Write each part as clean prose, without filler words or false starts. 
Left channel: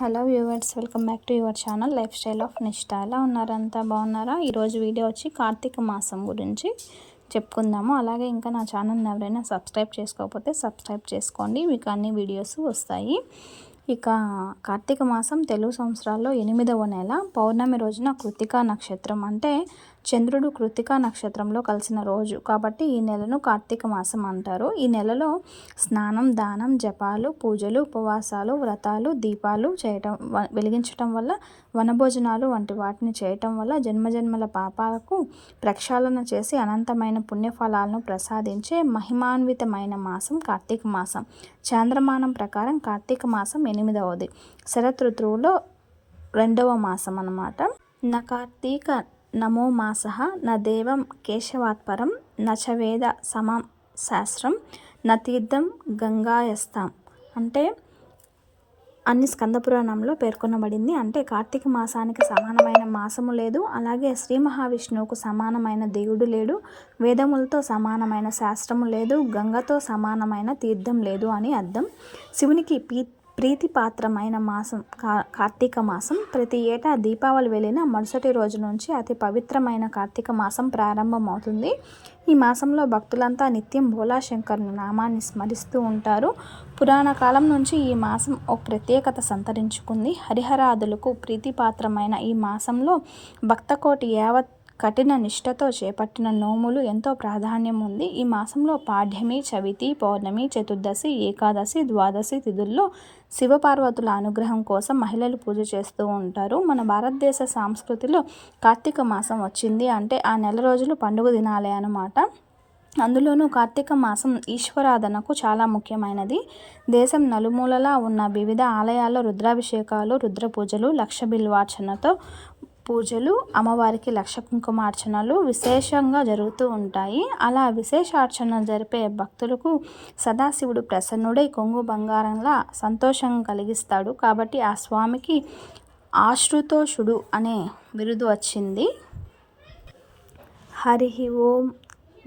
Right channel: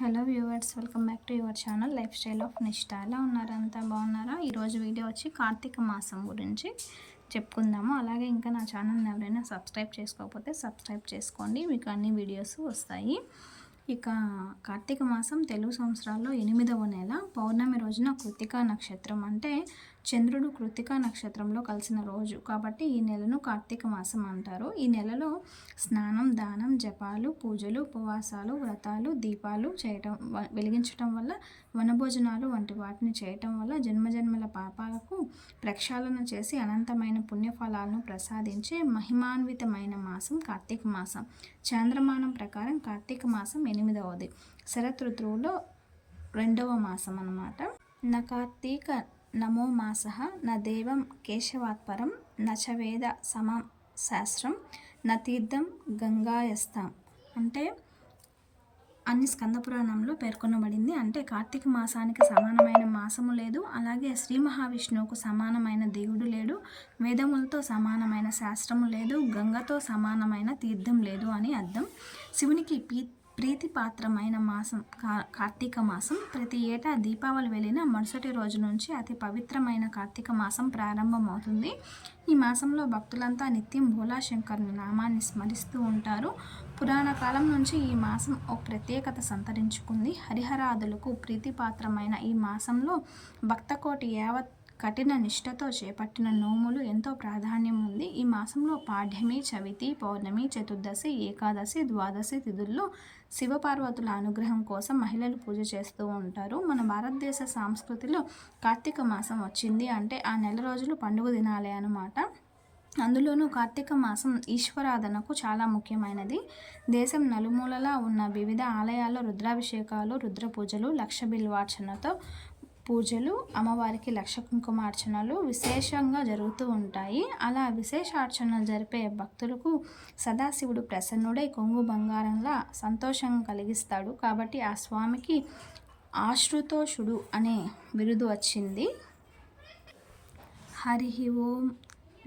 Hello viewers, welcome back to your channel life style of నిష్ఠ. ఎలా ఉన్నారంతా బాగున్నారా? ఈరోజు వీడియో వచ్చి కార్తీక మాసం గురించి చెప్పుకుందాము. అలాగే ఇంకా నా ఛానల్ని ఎవరైనా సబ్స్క్రైబ్ చేసుకోకపోతే సబ్స్క్రైబ్ చేసుకోండి, మీకు అన్ని వీడియోస్ వస్తాయి. ఇక కార్తీక మాసం తెలుగు సంవత్సరాల్లో 8వ నెల పౌర్ణమి రోజున కృత్తికా నక్షత్రం, అంటే చంద్రుడు కృత్తికా నక్షత్రంలో కలిసిన రోజు కాబట్టి ఈ నెలను కార్తీక మాసం అంటారు. ఈ నెలలో స్నానం, దానం, జపాలు, పూజలు, ఉపవాసాలు, వ్రతాలు, దీపాలు వెలిగించటం వల్ల, వనభోజనాలు వంటి వాటిని చేయటం వల్ల జన్మజన్మల పాపాలకు ప్రక్షాళన చేసి అనంతమైన పుణ్యఫలాలను ప్రసాదించే మహిమాన్వితమైన మాసం కార్తీక మాసం. చాంద్రమానం ప్రకారం కార్తీక మాసం 8వది, శరత్ ఋతువులో 2వ మాసం అన్నమాట. నా కార్తీక నమో మాసః న దేవం కేశవాత్పరం నచ వేద సమం శాస్త్రం న తీర్థం గంగాయస్తాం, అంటే అన్ని స్కందపురాణంలో పేర్కొనబడింది. అంటే కార్తీక మాసానికి సమానమైన మాసము లేదు, అలాగే శ్రీ మహావిష్ణువుకు సమానమైన దేవుడు లేడు, వేదములతో సమానమైన శాస్త్రము లేదు, గంగతో సమానమైన తీర్థం లేదు అని అర్థం. శివునికి ప్రీతిపాత్రమైన మాసం కార్తీక మాసం. ప్రతి ఏటా దీపావళి వెళ్ళిన మరుసటి రోజు నుంచి అతి పవిత్రమైన కార్తీక మాసం ప్రారంభమవుతుంది. ఈ మాసంలో భక్తులంతా నిత్యం భోలాశంకరుని నామాన్ని స్మరిస్తూ ఉంటారు. పురాణ కాలం నుంచి ఈ మాసం ఒక ప్రత్యేకత సంతరించుకుంది. హరిహరాదులకు ప్రీతిపాత్రమైన ఈ మాసంలో భక్తకోటి యావత్ కఠిన నిష్ఠతో చేపట్టిన నోములు ఎంతో ప్రాధాన్యం ఉంది. ఈ మాసంలో పాడ్యమి, చవితి, పౌర్ణమి, చతుర్దశి, ఏకాదశి, ద్వాదశి తిథుల్లో శివపార్వతుల అనుగ్రహం కోసం మహిళలు పూజ చేస్తూ ఉంటారు. మన భారతదేశ సంస్కృతిలో కార్తీక మాసం వచ్చింది అంటే ఆ నెల రోజులు పండుగ దినాలే అన్నమాట. అందులోనూ కార్తీక మాసం ఈశ్వరాధనకు చాలా ముఖ్యమైనది. దేశం నలుమూలలా ఉన్న వివిధ ఆలయాల్లో రుద్రాభిషేకాలు, రుద్ర పూజలు, లక్ష బిల్వార్చనతో పూజలు, అమ్మవారికి లక్ష కుంకుమార్చనలు విశేషంగా జరుగుతూ ఉంటాయి. అలా విశేషార్చనలు జరిపే భక్తులకు సదాశివుడు ప్రసన్నుడై కొంగు బంగారంలా సంతోషం కలిగిస్తాడు. కాబట్టి ఆ స్వామికి ఆశ్రుతోషుడు అనే బిరుదు వచ్చింది. హరి ఓం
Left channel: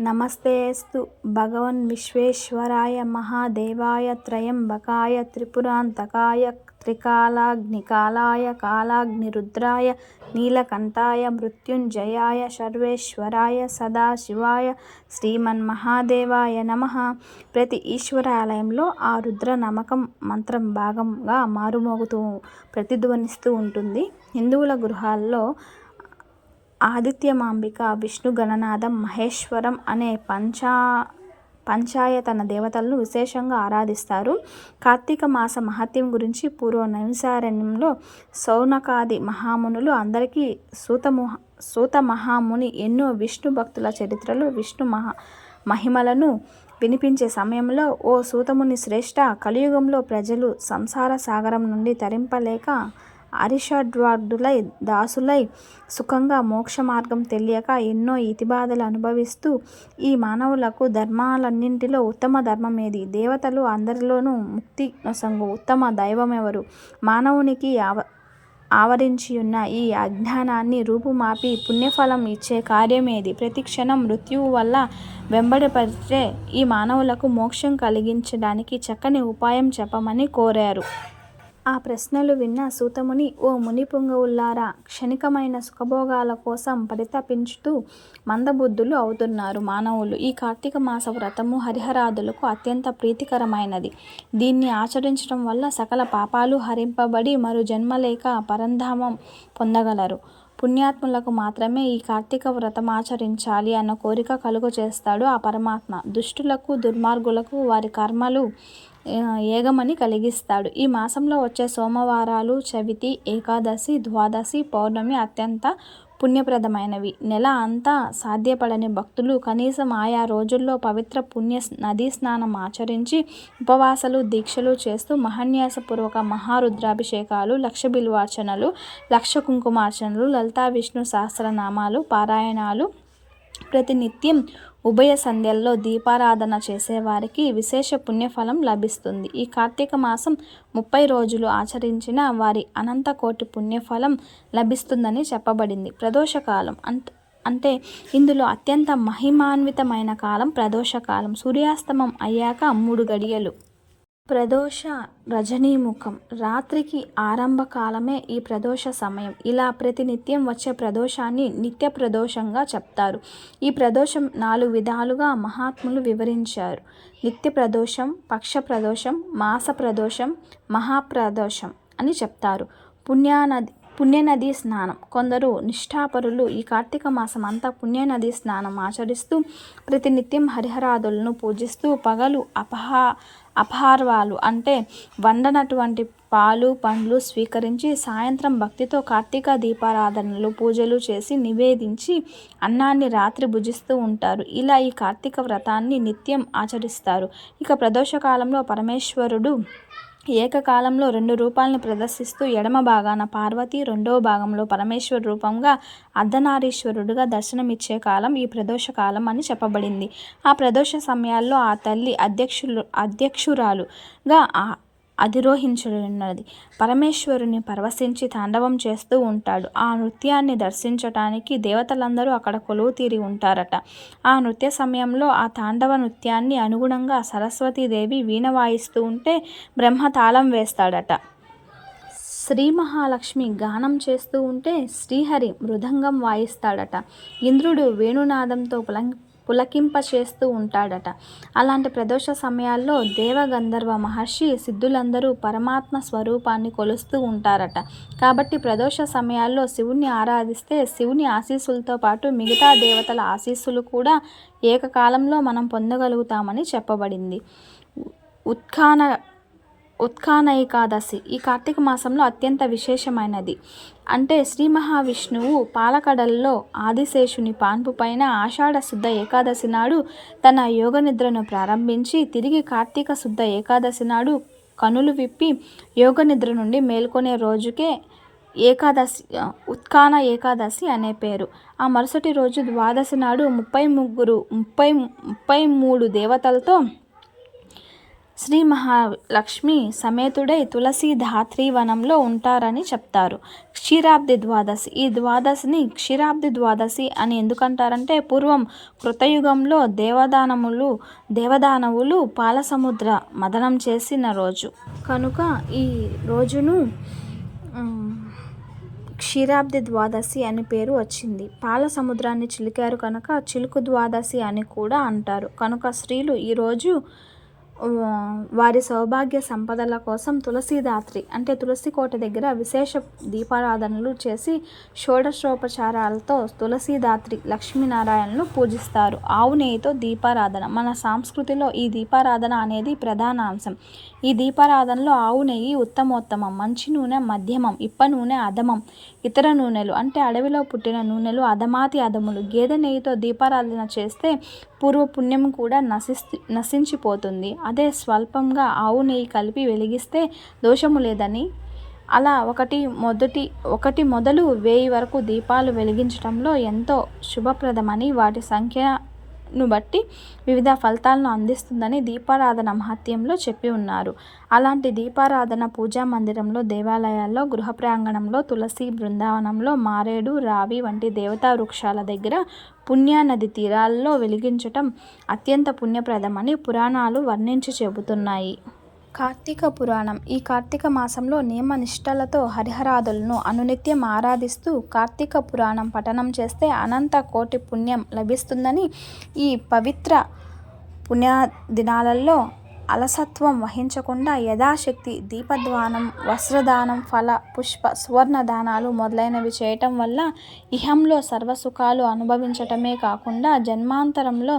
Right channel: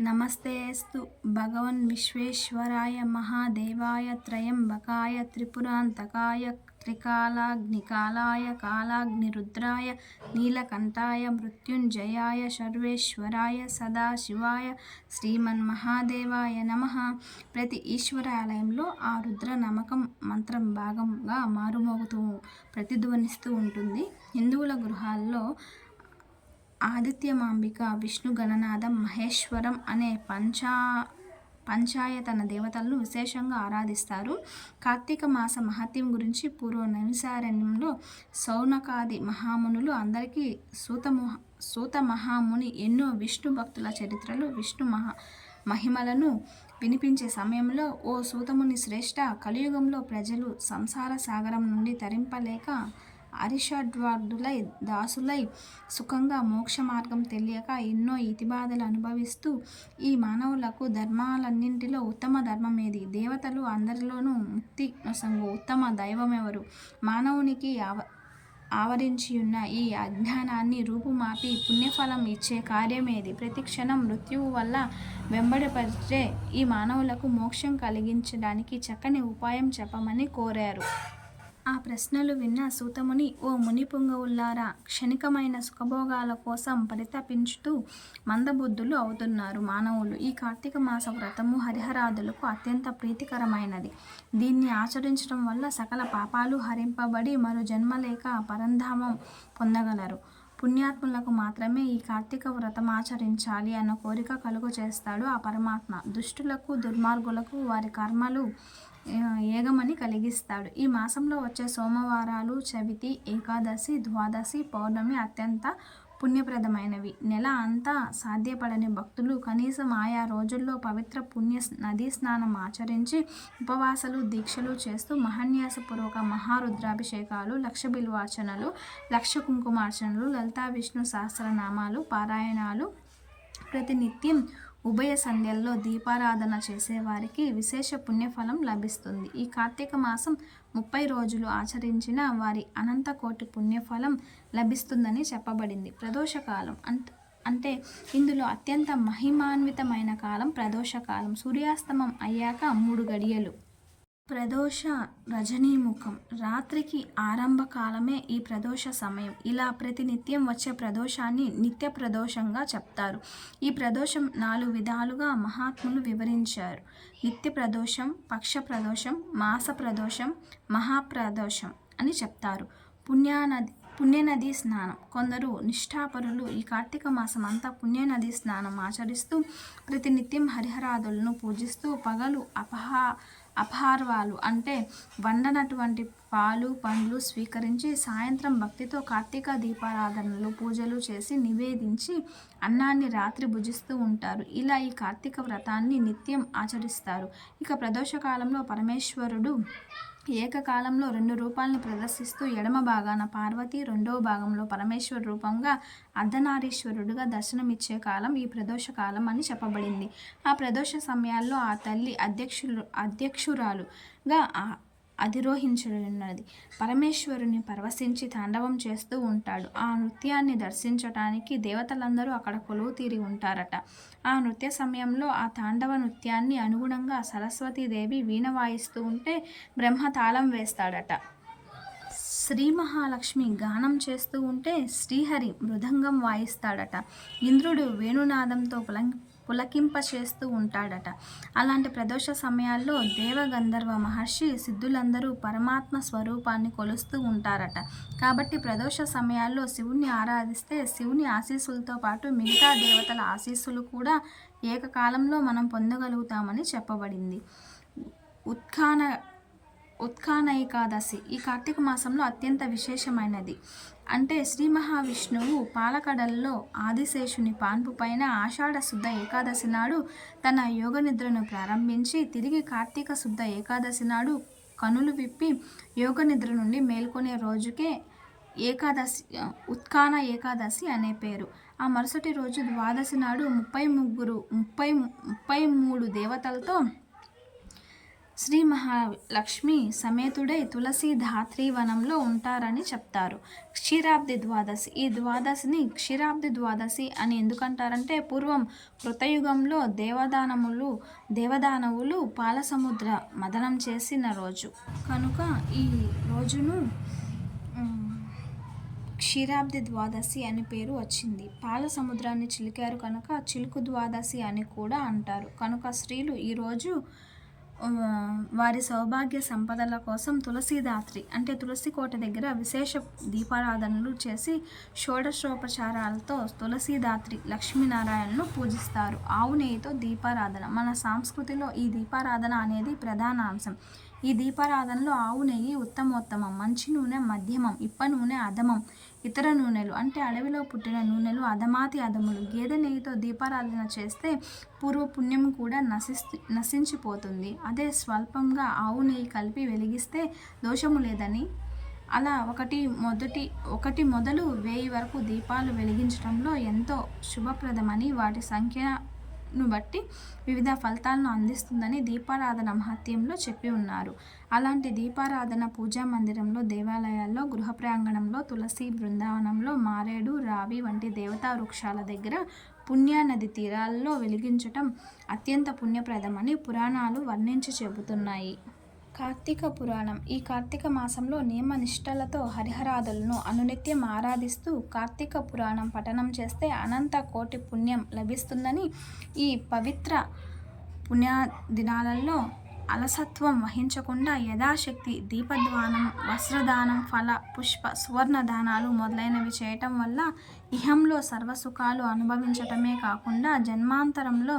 నమస్తేస్తు భగవన్ విశ్వేశ్వరాయ మహాదేవాయ త్రయంబకాయ త్రిపురాంతకాయ త్రికాలాగ్నికాలాయ కాలాగ్నిరుద్రాయ నీలకంఠాయ మృత్యుంజయాయ సర్వేశ్వరాయ సదాశివాయ శ్రీమన్మహాదేవాయ నమః. ప్రతి ఈశ్వరాలయంలో ఆ రుద్ర నమకం మంత్రం భాగంగా మారుమోగుతూ ప్రతిధ్వనిస్తూ ఉంటుంది. హిందువుల గృహాల్లో ఆదిత్యమాంబిక, విష్ణు గణనాథం, మహేశ్వరం అనే పంచాయతన దేవతలను విశేషంగా ఆరాధిస్తారు. కార్తీక మాస మహత్యం గురించి పూర్వ నైమిసారణ్యంలో శౌనకాది మహామునులు అందరికీ సూత మహాముని ఎన్నో విష్ణు భక్తుల చరిత్రలు, విష్ణు మహిమలను వినిపించే సమయంలో, ఓ సూతముని శ్రేష్ఠ, కలియుగంలో ప్రజలు సంసార సాగరం నుండి తరింపలేక అరిషడ్వర్గులై దాసులై సుఖంగా మోక్ష మార్గం తెలియక ఎన్నో ఇతిబాధలు అనుభవిస్తూ ఈ మానవులకు ధర్మాలన్నింటిలో ఉత్తమ ధర్మమేది? దేవతలు అందరిలోనూ ముక్తి నొసంగు ఉత్తమ దైవమెవరు? మానవునికి ఆవరించియున్న ఈ అజ్ఞానాన్ని రూపుమాపి పుణ్యఫలం ఇచ్చే కార్యమేది? ప్రతి క్షణం మృత్యువు వల్ల వెంబడిపడే ఈ మానవులకు మోక్షం కలిగించడానికి చక్కని ఉపాయం చెప్పమని కోరారు. ఆ ప్రశ్నలు విన్న సూతముని, ఓ ముని పుంగవులారా, క్షణికమైన సుఖభోగాల కోసం పరితపించుతూ మందబుద్ధులు అవుతున్నారు మానవులు. ఈ కార్తీక మాస వ్రతము హరిహరాదులకు అత్యంత ప్రీతికరమైనది. దీన్ని ఆచరించడం వల్ల సకల పాపాలు హరింపబడి మరు జన్మలేక పరంధామం పొందగలరు. పుణ్యాత్ములకు మాత్రమే ఈ కార్తీక వ్రతమాచరించాలి అన్న కోరిక కలుగ చేస్తాడు ఆ పరమాత్మ. దుష్టులకు, దుర్మార్గులకు వారి కర్మలు ఏగమని కలిగిస్తాడు. ఈ మాసంలో వచ్చే సోమవారాలు, చవితి, ఏకాదశి, ద్వాదశి, పౌర్ణమి అత్యంత పుణ్యప్రదమైనవి. నెల అంతా సాధ్యపడని భక్తులు కనీసం ఆయా రోజుల్లో పవిత్ర పుణ్య నదీ స్నానం ఆచరించి ఉపవాసాలు, దీక్షలు చేస్తూ మహాన్యాసపూర్వక మహారుద్రాభిషేకాలు, లక్ష బిల్వార్చనలు, లక్ష కుంకుమార్చనలు, లలితా విష్ణు సహస్రనామాలు పారాయణాలు, ప్రతినిత్యం ఉభయ సంధ్యల్లో దీపారాధన చేసేవారికి విశేష పుణ్యఫలం లభిస్తుంది. ఈ కార్తీక మాసం 30 రోజులు ఆచరించిన వారి అనంత కోటి పుణ్యఫలం లభిస్తుందని చెప్పబడింది. ప్రదోషకాలం అంటే ఇందులో అత్యంత మహిమాన్వితమైన కాలం ప్రదోషకాలం. సూర్యాస్తమం అయ్యాక 3 గడియలు ప్రదోష రజనీముఖం. రాత్రికి ఆరంభకాలమే ఈ ప్రదోష సమయం. ఇలా ప్రతినిత్యం వచ్చే ప్రదోషాన్ని నిత్య ప్రదోషంగా చెప్తారు. ఈ ప్రదోషం 4 విధాలుగా మహాత్ములు వివరించారు. నిత్య ప్రదోషం, పక్ష ప్రదోషం, మాస ప్రదోషం, మహాప్రదోషం అని చెప్తారు. పుణ్యనదీ స్నానం. కొందరు నిష్ఠాపరులు ఈ కార్తీక మాసం అంతా పుణ్యనదీ స్నానం ఆచరిస్తూ ప్రతినిత్యం హరిహరాదులను పూజిస్తూ పగలు అపహార్వాలు అంటే వండనటువంటి పాలు పండ్లు స్వీకరించి సాయంత్రం భక్తితో కార్తీక దీపారాధనలు పూజలు చేసి నివేదించి అన్నాన్ని రాత్రి భుజిస్తూ ఉంటారు. ఇలా ఈ కార్తీక వ్రతాన్ని నిత్యం ఆచరిస్తారు. ఇక ప్రదోషకాలంలో పరమేశ్వరుడు ఏకకాలంలో 2 రూపాలను ప్రదర్శిస్తూ ఎడమ భాగాన పార్వతి, రెండవ భాగంలో పరమేశ్వర రూపంగా అర్ధనారీశ్వరుడుగా దర్శనమిచ్చే కాలం ఈ ప్రదోష కాలం అని చెప్పబడింది. ఆ ప్రదోష సమయాల్లో ఆ తల్లి అధ్యక్షురాలుగా అధిరోహించున్నది. పరమేశ్వరుని పరవశించి తాండవం చేస్తూ ఉంటాడు. ఆ నృత్యాన్ని దర్శించటానికి దేవతలందరూ అక్కడ కొలువు తీరి ఉంటారట. ఆ నృత్య సమయంలో ఆ తాండవ నృత్యాన్ని అనుగుణంగా సరస్వతీదేవి వీణ వాయిస్తూ ఉంటే బ్రహ్మ తాళం వేస్తాడట. శ్రీ మహాలక్ష్మి గానం చేస్తూ ఉంటే శ్రీహరి మృదంగం వాయిస్తాడట. ఇంద్రుడు వేణునాదంతో పులకింపచేస్తూ ఉంటాడట. అలాంటి ప్రదోష సమయాల్లో దేవగంధర్వ మహర్షి సిద్ధులందరూ పరమాత్మ స్వరూపాన్ని కొలుస్తూ ఉంటారట. కాబట్టి ప్రదోష సమయాల్లో శివుణ్ణి ఆరాధిస్తే శివుని ఆశీస్సులతో పాటు మిగతా దేవతల ఆశీస్సులు కూడా ఏకకాలంలో మనం పొందగలుగుతామని చెప్పబడింది. ఉత్ఖాన ఏకాదశి ఈ కార్తీక మాసంలో అత్యంత విశేషమైనది. అంటే శ్రీ మహావిష్ణువు పాలకడల్లో ఆదిశేషుని పాన్పు పైన ఆషాఢ శుద్ధ ఏకాదశి నాడు తన యోగనిద్రను ప్రారంభించి తిరిగి కార్తీక శుద్ధ ఏకాదశి నాడు కనులు విప్పి యోగనిద్ర నుండి మేల్కొనే రోజుకే ఉత్ఖాన ఏకాదశి అనే పేరు. ఆ మరుసటి రోజు ద్వాదశి నాడు 33 దేవతలతో శ్రీ మహాలక్ష్మి సమేతుడై తులసి ధాత్రి వనంలో ఉంటారని చెప్తారు. క్షీరాబ్ది ద్వాదశి ఈ ద్వాదశిని క్షీరాబ్ది ద్వాదశి అని ఎందుకంటారంటే పూర్వం కృతయుగంలో దేవదానవులు పాలసముద్ర మదనం చేసిన రోజు కనుక ఈ రోజును క్షీరాబ్ది ద్వాదశి అని పేరు వచ్చింది. పాల సముద్రాన్ని చిలికారు కనుక చిలుకు ద్వాదశి అని కూడా అంటారు. కనుక స్త్రీలు ఈరోజు వారి సౌభాగ్య సంపదల కోసం తులసీదాత్రి అంటే తులసి కోట దగ్గర విశేష దీపారాధనలు చేసి షోడశోపచారాలతో తులసీదాత్రి లక్ష్మీనారాయణను పూజిస్తారు. ఆవు నెయ్యితో దీపారాధన. మన సంస్కృతిలో ఈ దీపారాధన అనేది ప్రధాన అంశం. ఈ దీపారాధనలో ఆవు నెయ్యి ఉత్తమోత్తమం, మంచి నూనె మధ్యమం, ఇప్ప నూనె అధమం, ఇతర నూనెలు అంటే అడవిలో పుట్టిన నూనెలు అధమాతి అధములు. గేదె నెయ్యితో దీపారాధన చేస్తే పూర్వపుణ్యం కూడా నశించిపోతుంది. అదే స్వల్పంగా ఆవు నెయ్యి కలిపి వెలిగిస్తే దోషము లేదని, అలా ఒకటి మొదలు 1000 వరకు దీపాలు వెలిగించడంలో ఎంతో శుభప్రదమని, వాటి సంఖ్యను బట్టి వివిధ ఫలితాలను అందిస్తుందని దీపారాధన మహత్యంలో చెప్పి ఉన్నారు. అలాంటి దీపారాధన పూజా మందిరంలో, దేవాలయాల్లో, గృహ ప్రాంగణంలో, తులసి బృందావనంలో, మారేడు, రావి వంటి దేవతా వృక్షాల దగ్గర, పుణ్యనది తీరాల్లో వెలిగించటం అత్యంత పుణ్యప్రదమని పురాణాలు వర్ణించి చెబుతున్నాయి. కార్తీక పురాణం. ఈ కార్తీక మాసంలో నియమ నిష్టలతో హరిహరాదులను అనునిత్యం ఆరాధిస్తూ కార్తీక పురాణం పఠనం చేస్తే అనంత కోటి పుణ్యం లభిస్తుందని, ఈ పవిత్ర పుణ్యదినాలలో అలసత్వం వహించకుండా యథాశక్తి దీపదానం, వస్త్రదానం, ఫల పుష్ప సువర్ణ దానాలు మొదలైనవి చేయటం వల్ల ఇహంలో సర్వసుఖాలు అనుభవించటమే కాకుండా జన్మాంతరంలో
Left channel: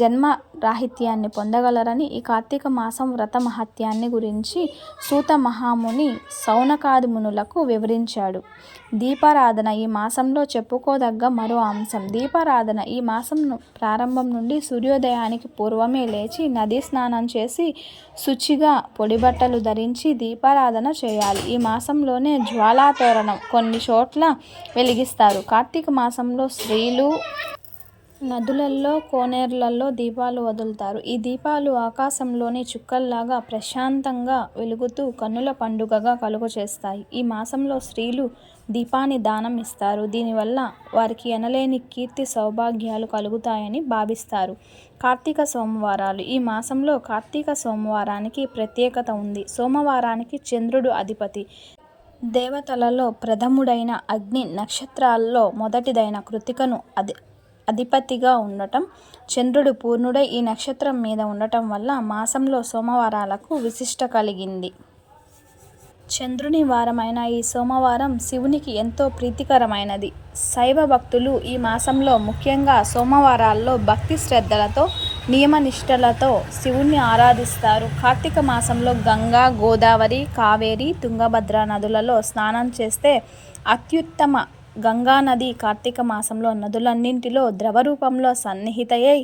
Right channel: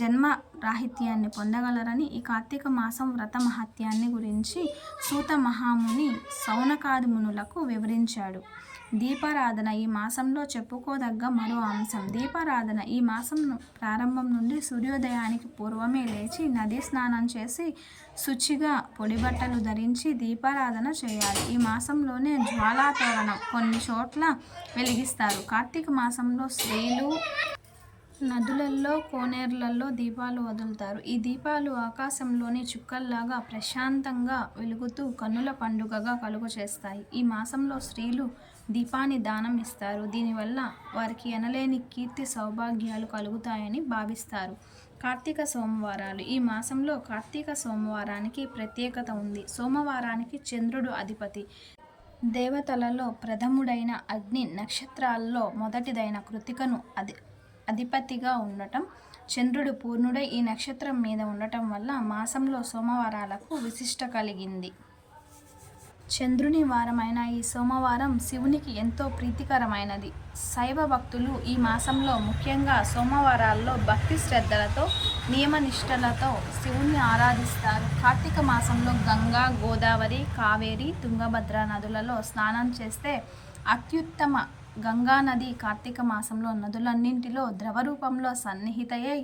జన్మరాహిత్యాన్ని పొందగలరని ఈ కార్తీక మాసం వ్రత మహత్యాన్ని గురించి సూత మహాముని సౌనకాది మునులకు వివరించాడు. దీపారాధన ఈ మాసంలో చెప్పుకోదగ్గ మరో అంశం. దీపారాధన ఈ మాసం ప్రారంభం నుండి సూర్యోదయానికి పూర్వమే లేచి నదీ స్నానం చేసి శుచిగా పొడి బట్టలు ధరించి దీపారాధన చేయాలి. ఈ మాసంలోనే జ్వాలాతోరణం కొన్ని చోట్ల వెలిగిస్తారు. కార్తీక మాసంలో స్త్రీలు నదులల్లో, కోనేరులలో దీపాలు వదులుతారు. ఈ దీపాలు ఆకాశంలోని చుక్కల్లాగా ప్రశాంతంగా వెలుగుతూ కన్నుల పండుగగా కలుగచేస్తాయి. ఈ మాసంలో స్త్రీలు దీపాన్ని దానం ఇస్తారు. దీనివల్ల వారికి ఎనలేని కీర్తి సౌభాగ్యాలు కలుగుతాయని భావిస్తారు. కార్తీక సోమవారాలు. ఈ మాసంలో కార్తీక సోమవారానికి ప్రత్యేకత ఉంది. సోమవారానికి చంద్రుడు అధిపతి. దేవతలలో ప్రథముడైన అగ్ని, నక్షత్రాల్లో మొదటిదైన కృత్తికను అధిపతిగా ఉండటం, చంద్రుడు పూర్ణుడై ఈ నక్షత్రం మీద ఉండటం వల్ల మాసంలో సోమవారాలకు విశిష్ట కలిగింది. చంద్రుని వారమైన ఈ సోమవారం శివునికి ఎంతో ప్రీతికరమైనది. శైవ భక్తులు ఈ మాసంలో ముఖ్యంగా సోమవారాల్లో భక్తి శ్రద్ధలతో, నియమనిష్టలతో శివుణ్ణి ఆరాధిస్తారు. కార్తీక మాసంలో గంగా, గోదావరి, కావేరి, తుంగభద్ర నదులలో స్నానం చేస్తే అత్యుత్తమ. గంగానది కార్తీక మాసంలో నదులన్నింటిలో ద్రవరూపంలో సన్నిహితయై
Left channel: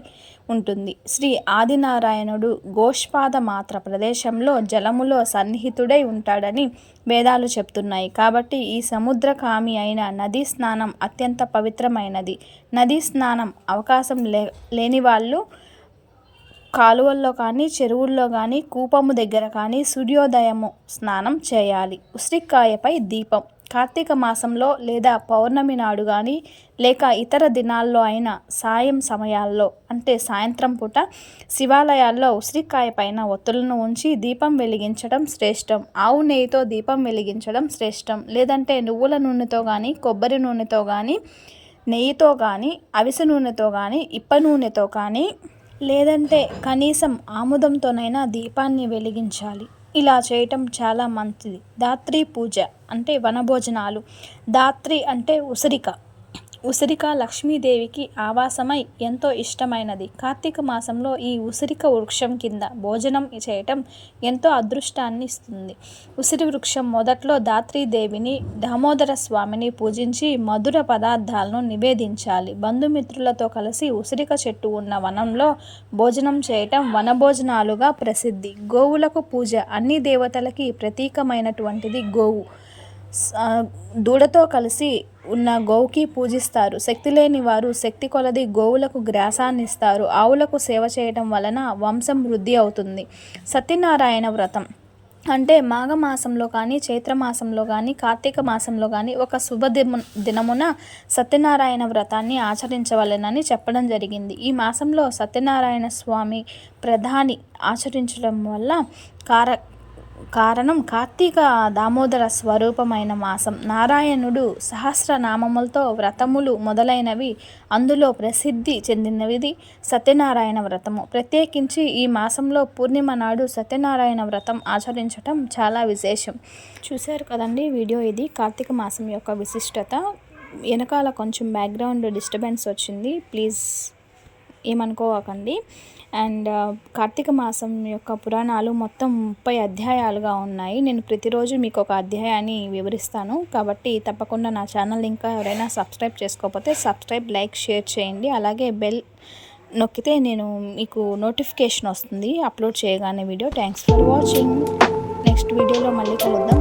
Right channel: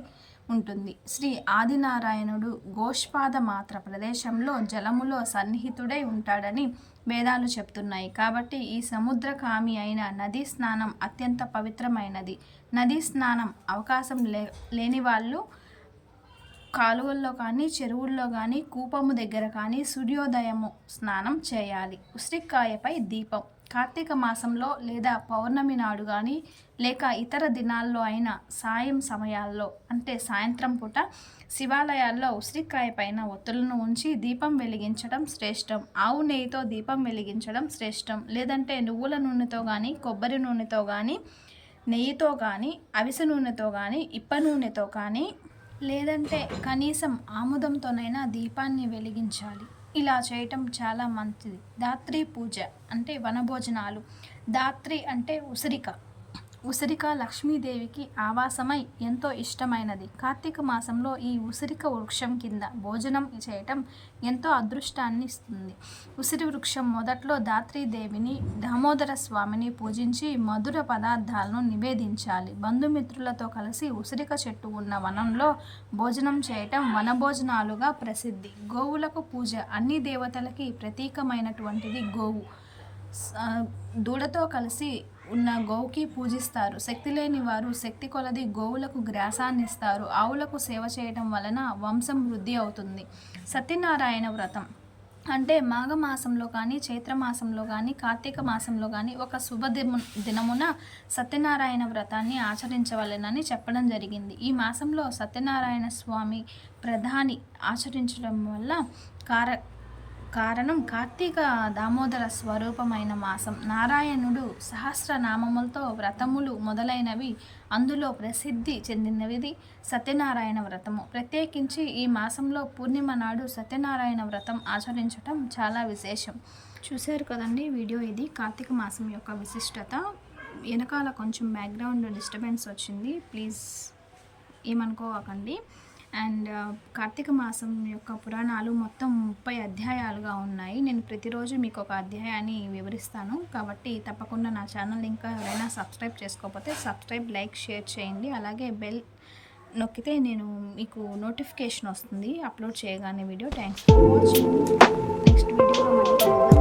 ఉంటుంది. శ్రీ ఆదినారాయణుడు గోష్పాద మాత్ర ప్రదేశంలో జలములో సన్నిహితుడై ఉంటాడని వేదాలు చెప్తున్నాయి. కాబట్టి ఈ సముద్రకామి అయిన నదీ స్నానం అత్యంత పవిత్రమైనది. నదీ స్నానం అవకాశం లేని వాళ్ళు కాలువల్లో కానీ, చెరువుల్లో కానీ, కూపము దగ్గర కానీ సూర్యోదయము స్నానం చేయాలి. ఉసిరికాయపై దీపం. కార్తీక మాసంలో లేదా పౌర్ణమి నాడు కానీ, లేక ఇతర దినాల్లో అయినా సాయం సమయాల్లో అంటే సాయంత్రం పూట శివాలయాల్లో ఉసిరికాయ పైన ఒత్తులను ఉంచి దీపం వెలిగించడం శ్రేష్టం. ఆవు నెయ్యితో దీపం వెలిగించడం శ్రేష్టం. లేదంటే నువ్వుల నూనెతో కానీ, కొబ్బరి నూనెతో కానీ, నెయ్యితో కానీ, అవిసె నూనెతో కానీ, ఇప్ప నూనెతో కానీ, లేదంటే కనీసం ఆముదంతోనైనా దీపాన్ని వెలిగించాలి. ఇలా చేయటం చాలా మంచిది. ధాత్రి పూజ అంటే వనభోజనాలు. ధాత్రి అంటే ఉసిరిక. ఉసిరిక లక్ష్మీదేవికి ఆవాసమై ఎంతో ఇష్టమైనది. కార్తీక మాసంలో ఈ ఉసిరిక వృక్షం కింద భోజనం చేయటం ఎంతో అదృష్టాన్ని ఇస్తుంది. ఉసిరి వృక్షం మొదట్లో ధాత్రీదేవిని, దామోదర స్వామిని పూజించి మధుర పదార్థాలను నివేదించాలి. బంధుమిత్రులతో కలిసి ఉసిరిక చెట్టు ఉన్న వనంలో భోజనం చేయటం వనభోజనాలుగా ప్రసిద్ధి. గోవులకు పూజ. అన్ని దేవతలకి ప్రతీకమైనటువంటిది గోవు. దూడతో కలిసి ఉన్న గోవుకి పూజిస్తారు. శక్తి లేని వారు శక్తి కొలది గోవులకు గ్రాసాన్ని ఇస్తారు. ఆవులకు సేవ చేయటం వలన వంశం వృద్ధి అవుతుంది. సత్యనారాయణ వ్రతం అంటే మాఘమాసంలో కానీ, చైత్రమాసంలో కానీ, కార్తీక మాసంలో కానీ ఒక దినమున సత్యనారాయణ వ్రతాన్ని ఆచరించవలెనని చెప్పడం జరిగింది. ఈ మాసంలో సత్యనారాయణ స్వామి ప్రధాని ఆచరించడం వల్ల కారణం కార్తీక దామోదర స్వరూపమైన మాసం. నారాయణుడు సహస్రనామములతో వ్రతములు మొదలైనవి అందులో ప్రసిద్ధి చెందినది సత్యనారాయణ వ్రతము. ప్రత్యేకించి ఈ మాసంలో పూర్ణిమ నాడు సత్యనారాయణ వ్రతం ఆచరించటం చాలా విశేషం. చూశారు కదండి వీడియో. ఇది కార్తీక మాసం యొక్క విశిష్టత. వెనకాల కొంచెం బ్యాక్గ్రౌండ్ డిస్టర్బెన్స్ వచ్చింది, ప్లీజ్ ఏమనుకోకండి. అండ్ కార్తీక మాసం యొక్క పురాణాలు మొత్తం 30 అధ్యాయాలుగా ఉన్నాయి. నేను ప్రతిరోజు మీకు ఒక అధ్యాయాన్ని వివరిస్తాను. కాబట్టి తప్పకుండా నా ఛానల్ ఇంకా ఎవరైనా సబ్స్క్రైబ్ చేసుకోకపోతే సబ్స్క్రైబ్, లైక్, షేర్ చేయండి. అలాగే బెల్ నొక్కితే నేను మీకు నోటిఫికేషన్ వస్తుంది అప్లోడ్ చేయగానే video. Thanks for watching. Next వీడియోలో మళ్ళీ కలుద్దాం.